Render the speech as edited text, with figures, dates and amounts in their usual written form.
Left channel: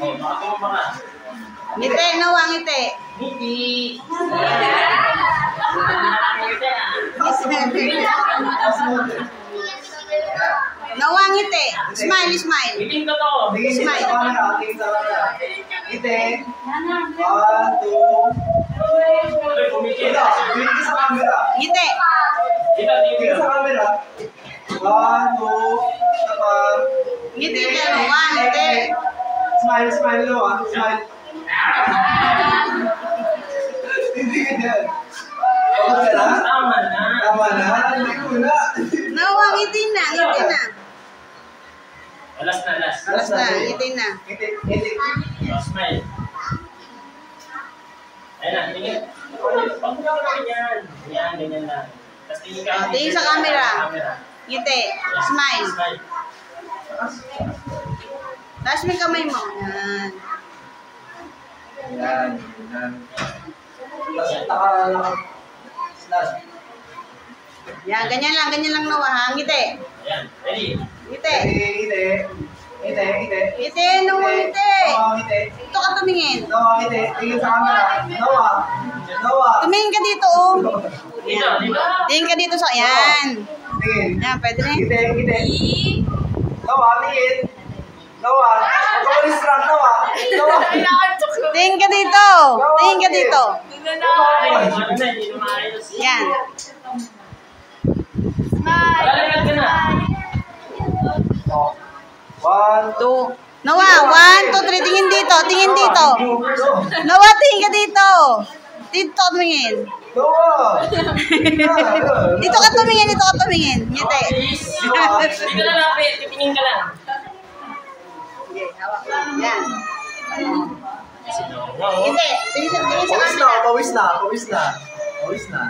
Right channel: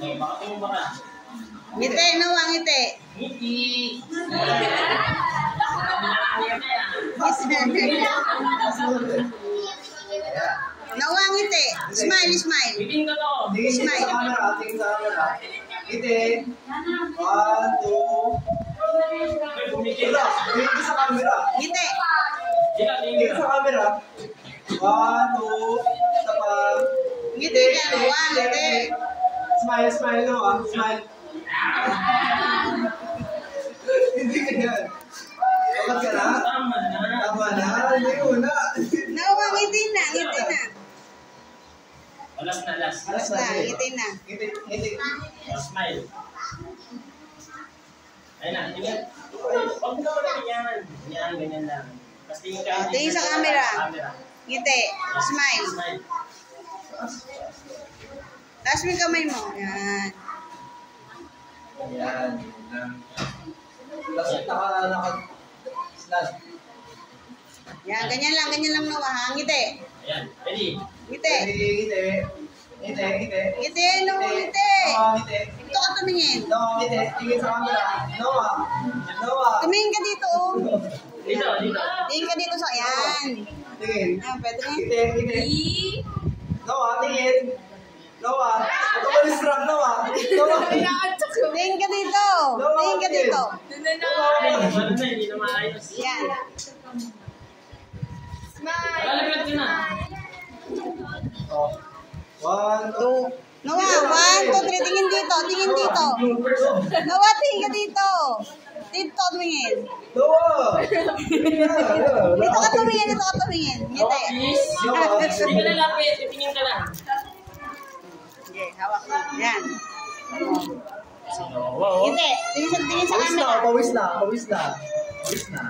Oh, baka tumamba ka. Ngiti, Noah, ngiti. Ngiti. Noah, ngiti. Smile, smile. Ngiting ko to. Tingin sa camera, tingin sa camera. Ngiti. 1, 2. Kumikita. Tingin sa camera. Ngiti. Tingin sa camera. 1, 2. Isa pa. Ngiti ka, Noah, ngiti. Smile, smile, Noah. Smile. Hindi ganyan. Okay na? Tama na. Tama na? Hindi ko na. Noah, ngiti na, ngiti na. Last na, last. Basta, ngiti na. Ngiti, ngiti. Oh, smile. Ayun na, tingin. Huwag mo naman yan. Yan, ganyan lang. Tapos tingin ka. Tingin sa camera. Ngiti. Smile. Smile. Taas mo yung kamay mo. Yan. Ayan. Tapos slash. Yan, ganyan lang Noah, ha? Ngiti. Ayan, ready? Ngiti. Ngiti. Ngiti, ngiti. Ngiti, Noah, ngiti. Noah, ngiti. Ito ka tumingin. Noah, ngiti. Tingin sa camera. Noah. Noah. Tumingin ka dito, oh. Dito, dito. Tingin ka dito sa, yan. Tingin. Yan, pwede na. Ngiti, ngiti. Noah, tingin. Noah. Pag-alis lang, Noah. Noah. Tingin ka dito. Tingin ka dito. Ano na, hindi na maayos. Yan. Malalaglag ka na. 1, 2. 2. Noah, 1, 2, 3. Tingin dito. Tingin dito. Noah, tingin ka dito. Dito tumingin. Noah. Dito ka tumingin. Dito ka tumingin. Ngiti. Please. Hindi ka na lapit, titingin ka lang. Sige, hawak. Yan. Wow. Ngiti. Tingin sa Pawis camera. na, pawis na, pawis na. Pawis na.